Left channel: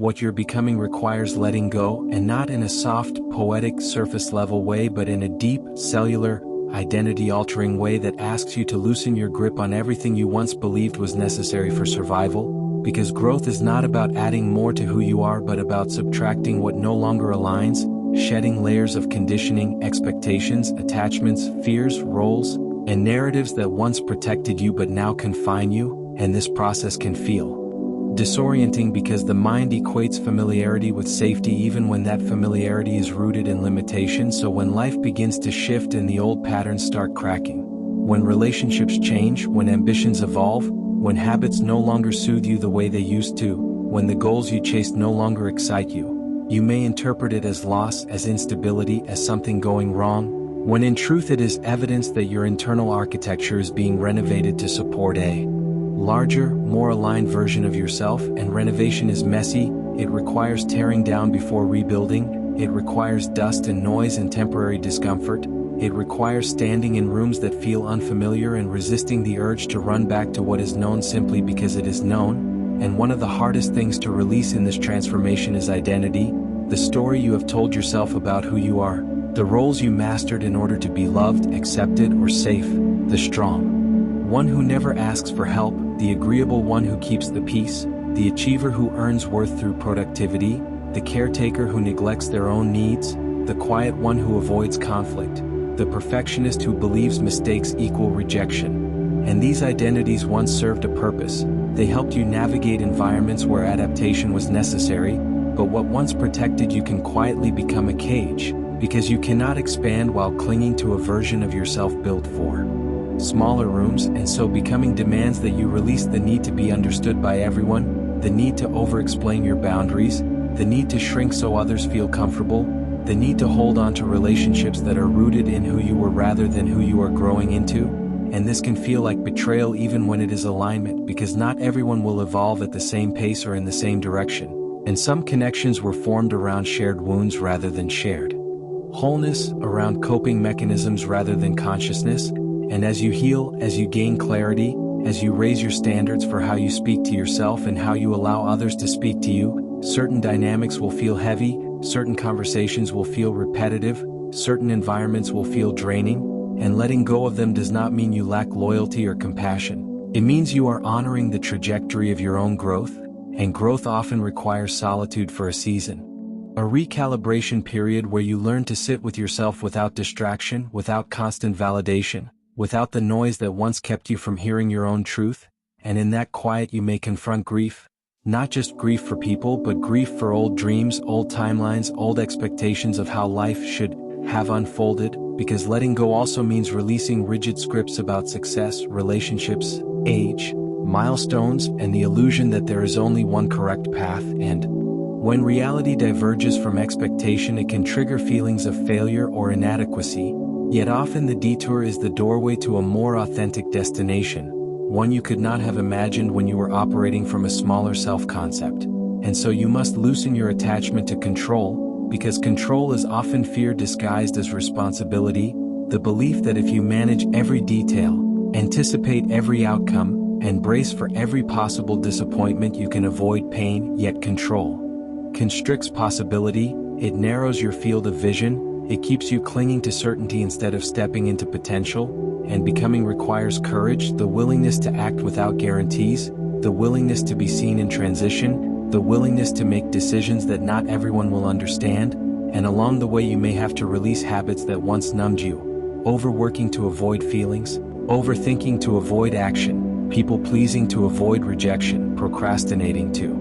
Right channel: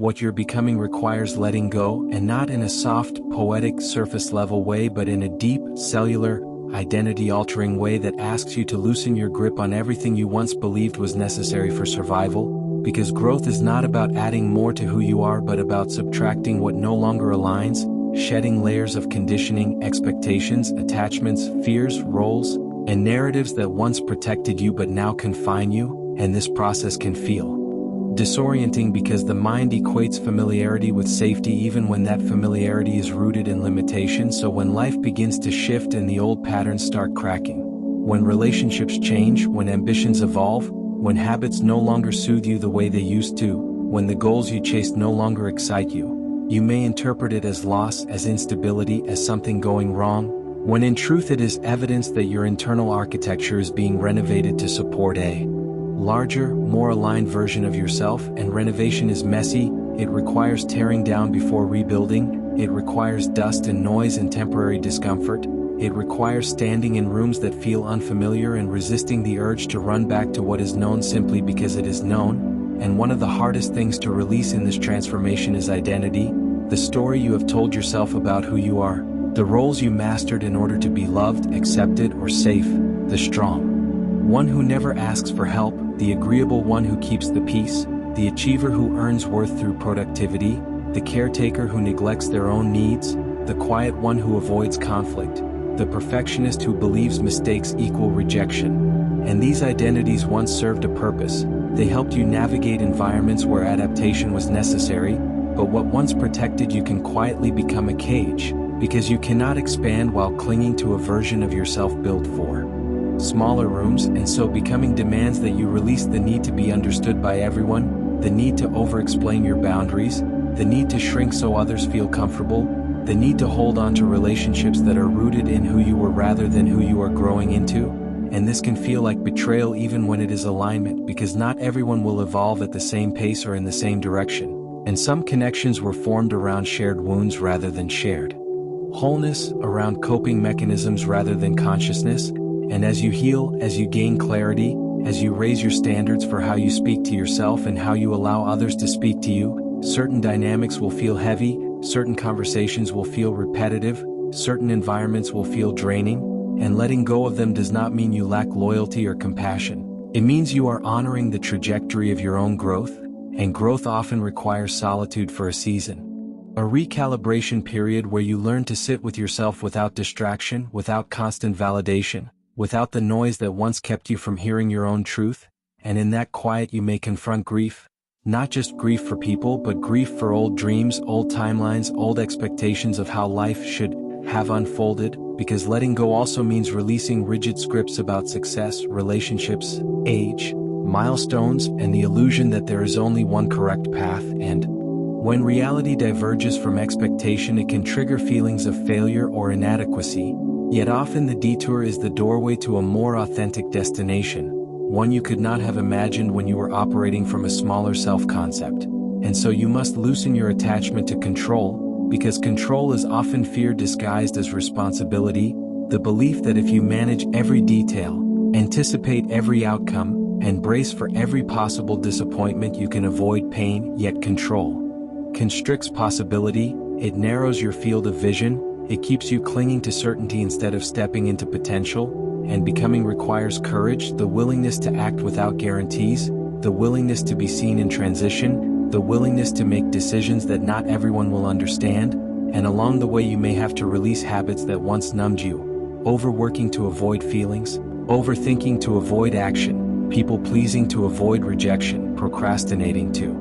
What you're becoming requires letting go, and not in a soft, poetic, surface-level way, but in a deep, cellular, identity-altering way that asks you to loosen your grip on everything you once believed was necessary for survival, because growth is not about adding more to who you are but about subtracting what no longer aligns, shedding layers of conditioning, expectations, attachments, fears, roles, and narratives that once protected you but now confine you, and this process can feel disorienting because the mind equates familiarity with safety even when that familiarity is rooted in limitation. So when life begins to shift and the old patterns start cracking, when relationships change, when ambitions evolve, when habits no longer soothe you the way they used to, when the goals you chased no longer excite you, you may interpret it as loss, as instability, as something going wrong, when in truth it is evidence that your internal architecture is being renovated to support a larger, more aligned version of yourself. And renovation is messy, it requires tearing down before rebuilding, it requires dust and noise and temporary discomfort, it requires standing in rooms that feel unfamiliar and resisting the urge to run back to what is known simply because it is known. And one of the hardest things to release in this transformation is identity, the story you have told yourself about who you are, the roles you mastered in order to be loved, accepted, or safe, the strong one who never asks for help, the agreeable one who keeps the peace, the achiever who earns worth through productivity, the caretaker who neglects their own needs, the quiet one who avoids conflict, the perfectionist who believes mistakes equal rejection. And these identities once served a purpose. They helped you navigate environments where adaptation was necessary, but what once protected you can quietly become a cage, because you cannot expand while clinging to a version of yourself built for smaller rooms. And so becoming demands that you release the need to be understood by everyone, the need to over-explain your boundaries, the need to shrink so others feel comfortable, the need to hold on to relationships that are rooted in who you were rather than who you are growing into. And this can feel like betrayal even when it is alignment, because not everyone will evolve at the same pace or in the same direction. And some connections were formed around shared wounds rather than shared wholeness, around coping mechanisms rather than consciousness. And as you heal, as you gain clarity, as you raise your standards for how you speak to yourself and how you allow others to speak to you, certain dynamics will feel heavy, certain conversations will feel repetitive, certain environments will feel draining, and letting go of them does not mean you lack loyalty or compassion. It means you are honoring the trajectory of your own growth, and growth often requires solitude for a season. A recalibration period where you learn to sit with yourself without distraction, without constant validation, without the noise that once kept you from hearing your own truth. And in that quiet you may confront grief, not just grief for people but grief for old dreams, old timelines, old expectations of how life should have unfolded, because letting go also means releasing rigid scripts about success, relationships, age, milestones, and the illusion that there is only one correct path. And when reality diverges from expectation, it can trigger feelings of failure or inadequacy. Yet often the detour is the doorway to a more authentic destination, one you could not have imagined when you were operating from a smaller self-concept. And so you must loosen your attachment to control, because control is often fear disguised as responsibility, the belief that if you manage every detail, anticipate every outcome, and brace for every possible disappointment, you can avoid pain. Yet control constricts possibility, it narrows your field of vision, it keeps you clinging to certainty instead of stepping into potential. And becoming requires courage, the willingness to act without guarantees, the willingness to be seen in transition, the willingness to make decisions that not everyone will understand. And along the way you may have to release habits that once numbed you, overworking to avoid feelings, overthinking to avoid action, people-pleasing to avoid rejection, procrastinating to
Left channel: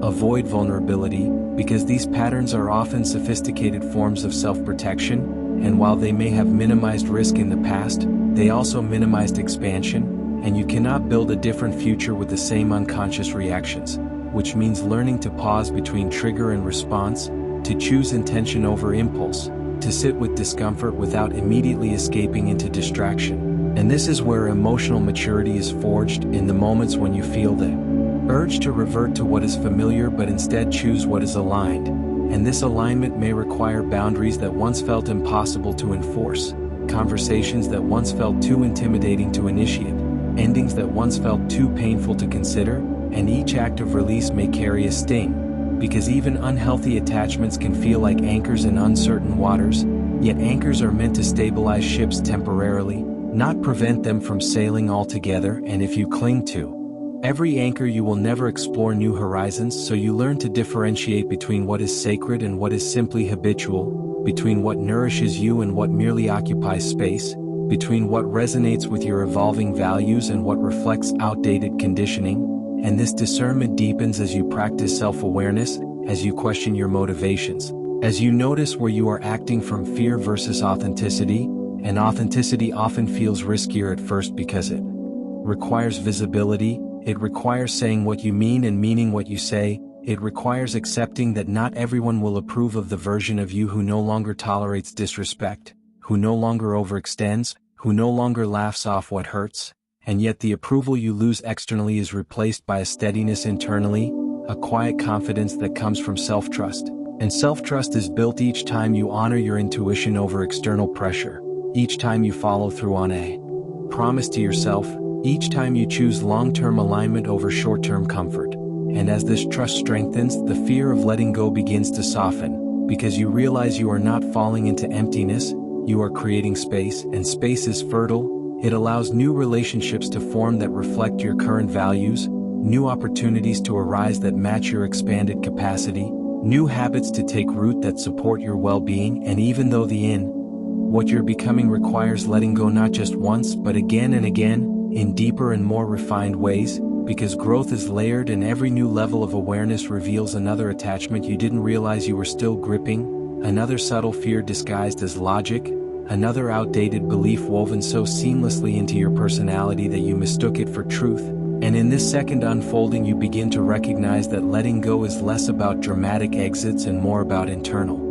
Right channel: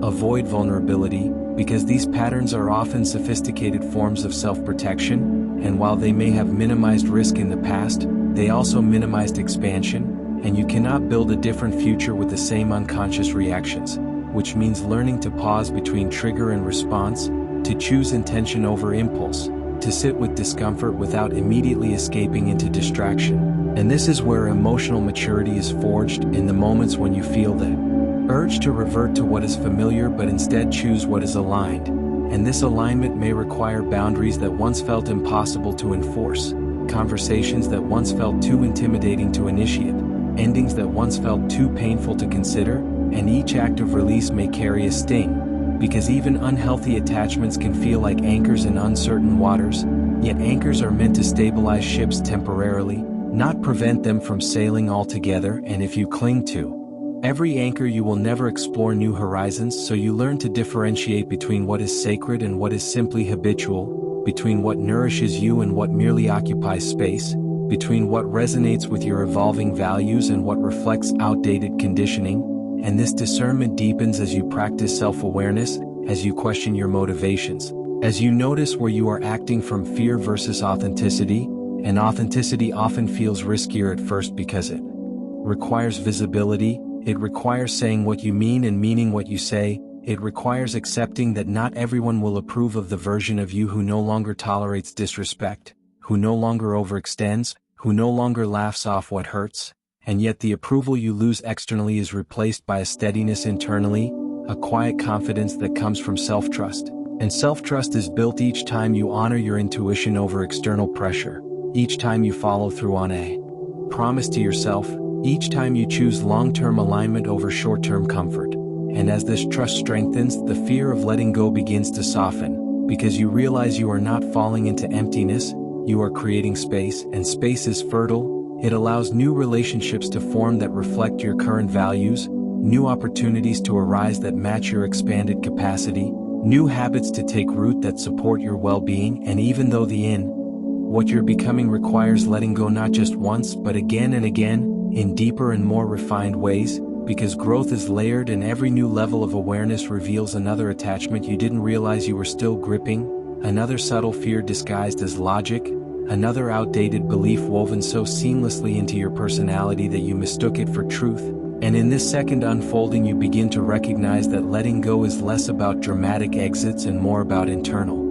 avoid vulnerability, because these patterns are often sophisticated forms of self-protection, and while they may have minimized risk in the past, they also minimized expansion, and you cannot build a different future with the same unconscious reactions, which means learning to pause between trigger and response, to choose intention over impulse, to sit with discomfort without immediately escaping into distraction. And this is where emotional maturity is forged, in the moments when you feel the urge to revert to what is familiar but instead choose what is aligned. And this alignment may require boundaries that once felt impossible to enforce, conversations that once felt too intimidating to initiate, endings that once felt too painful to consider, and each act of release may carry a sting, because even unhealthy attachments can feel like anchors in uncertain waters, yet anchors are meant to stabilize ships temporarily, not prevent them from sailing altogether. And if you cling to every anchor, you will never explore new horizons. So you learn to differentiate between what is sacred and what is simply habitual, between what nourishes you and what merely occupies space, between what resonates with your evolving values and what reflects outdated conditioning. And this discernment deepens as you practice self-awareness, as you question your motivations, as you notice where you are acting from fear versus authenticity. And authenticity often feels riskier at first because it requires visibility, it requires saying what you mean and meaning what you say, it requires accepting that not everyone will approve of the version of you who no longer tolerates disrespect, who no longer overextends, who no longer laughs off what hurts. And yet the approval you lose externally is replaced by a steadiness internally, a quiet confidence that comes from self-trust. And self-trust is built each time you honor your intuition over external pressure, each time you follow through on a promise to yourself, each time you choose long-term alignment over short-term comfort. And as this trust strengthens, the fear of letting go begins to soften, because you realize you are not falling into emptiness, you are creating space, and space is fertile. It allows new relationships to form that reflect your current values, new opportunities to arise that match your expanded capacity, new habits to take root that support your well-being. And even though what you're becoming requires letting go not just once but again and again, in deeper and more refined ways, because growth is layered and every new level of awareness reveals another attachment you didn't realize you were still gripping, another subtle fear disguised as logic, another outdated belief woven so seamlessly into your personality that you mistook it for truth. And in this second unfolding, you begin to recognize that letting go is less about dramatic exits and more about internal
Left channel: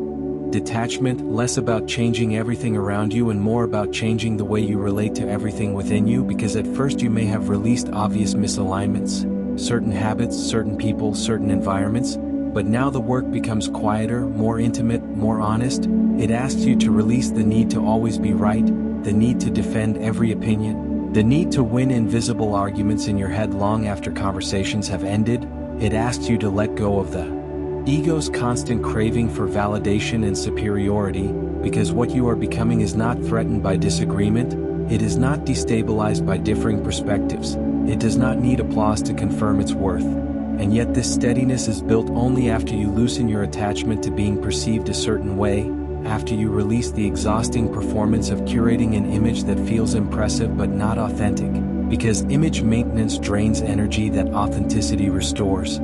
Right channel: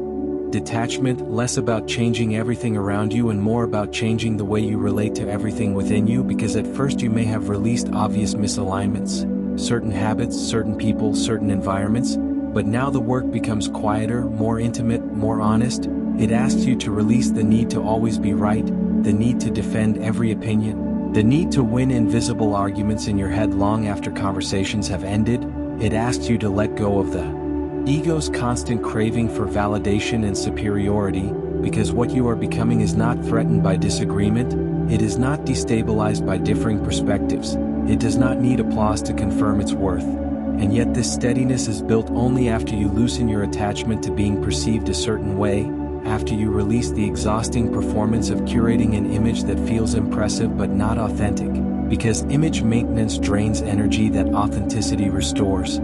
detachment, less about changing everything around you and more about changing the way you relate to everything within you. Because at first you may have released obvious misalignments, certain habits, certain people, certain environments, but now the work becomes quieter, more intimate, more honest. It asks you to release the need to always be right, the need to defend every opinion, the need to win invisible arguments in your head long after conversations have ended. It asks you to let go of the ego's constant craving for validation and superiority, because what you are becoming is not threatened by disagreement, it is not destabilized by differing perspectives, it does not need applause to confirm its worth. And yet this steadiness is built only after you loosen your attachment to being perceived a certain way, after you release the exhausting performance of curating an image that feels impressive but not authentic, because image maintenance drains energy that authenticity restores.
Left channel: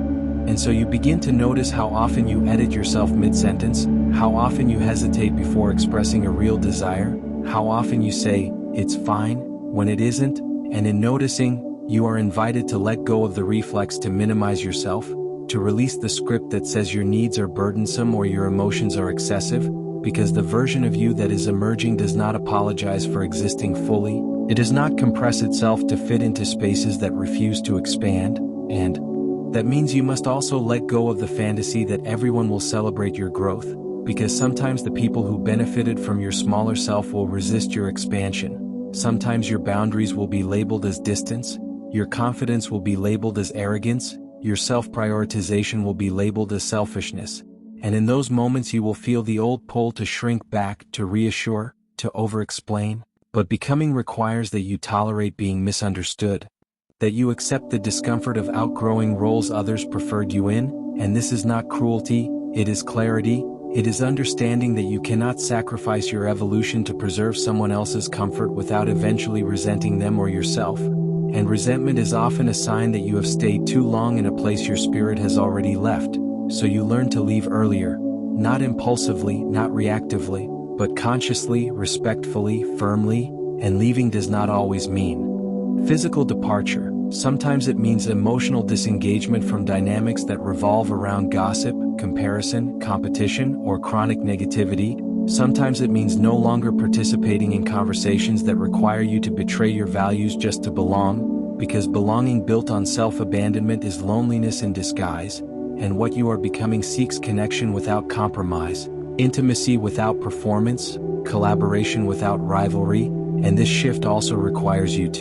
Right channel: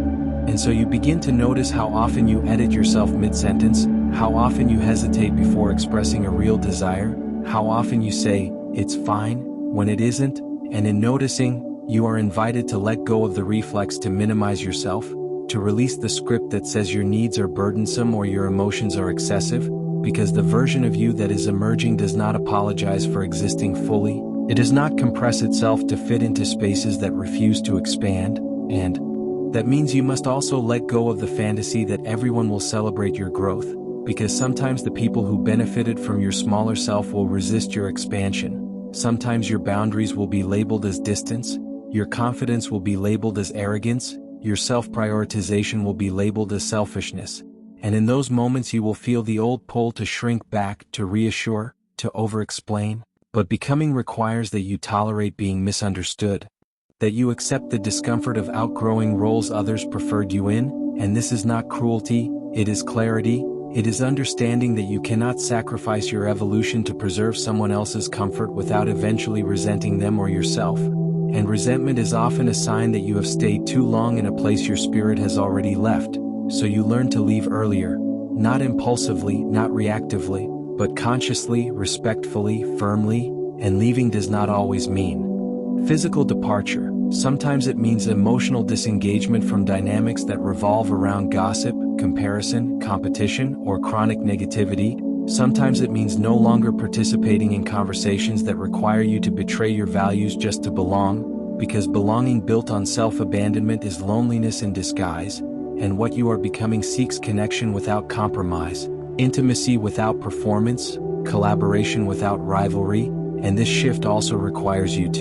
And so you begin to notice how often you edit yourself mid-sentence, how often you hesitate before expressing a real desire, how often you say, "It's fine," when it isn't. And in noticing, you are invited to let go of the reflex to minimize yourself, to release the script that says your needs are burdensome or your emotions are excessive, because the version of you that is emerging does not apologize for existing fully, it does not compress itself to fit into spaces that refuse to expand, and that means you must also let go of the fantasy that everyone will celebrate your growth, because sometimes the people who benefited from your smaller self will resist your expansion. Sometimes your boundaries will be labeled as distance, your confidence will be labeled as arrogance, your self-prioritization will be labeled as selfishness. And in those moments you will feel the old pull to shrink back, to reassure, to over-explain. But becoming requires that you tolerate being misunderstood, that you accept the discomfort of outgrowing roles others preferred you in. And this is not cruelty, it is clarity, it is understanding that you cannot sacrifice your evolution to preserve someone else's comfort without eventually resenting them or yourself. And resentment is often a sign that you have stayed too long in a place your spirit has already left, so you learn to leave earlier, not impulsively, not reactively, but consciously, respectfully, firmly. And leaving does not always mean physical departure. Sometimes it means emotional disengagement from dynamics that revolve around gossip, comparison, competition, or chronic negativity. Sometimes it means no longer participating in conversations that require you to betray your values just to belong, because belonging built on self-abandonment is loneliness in disguise, and what you are becoming seeks connection without compromise, intimacy without performance, collaboration without rivalry. And this shift also requires you to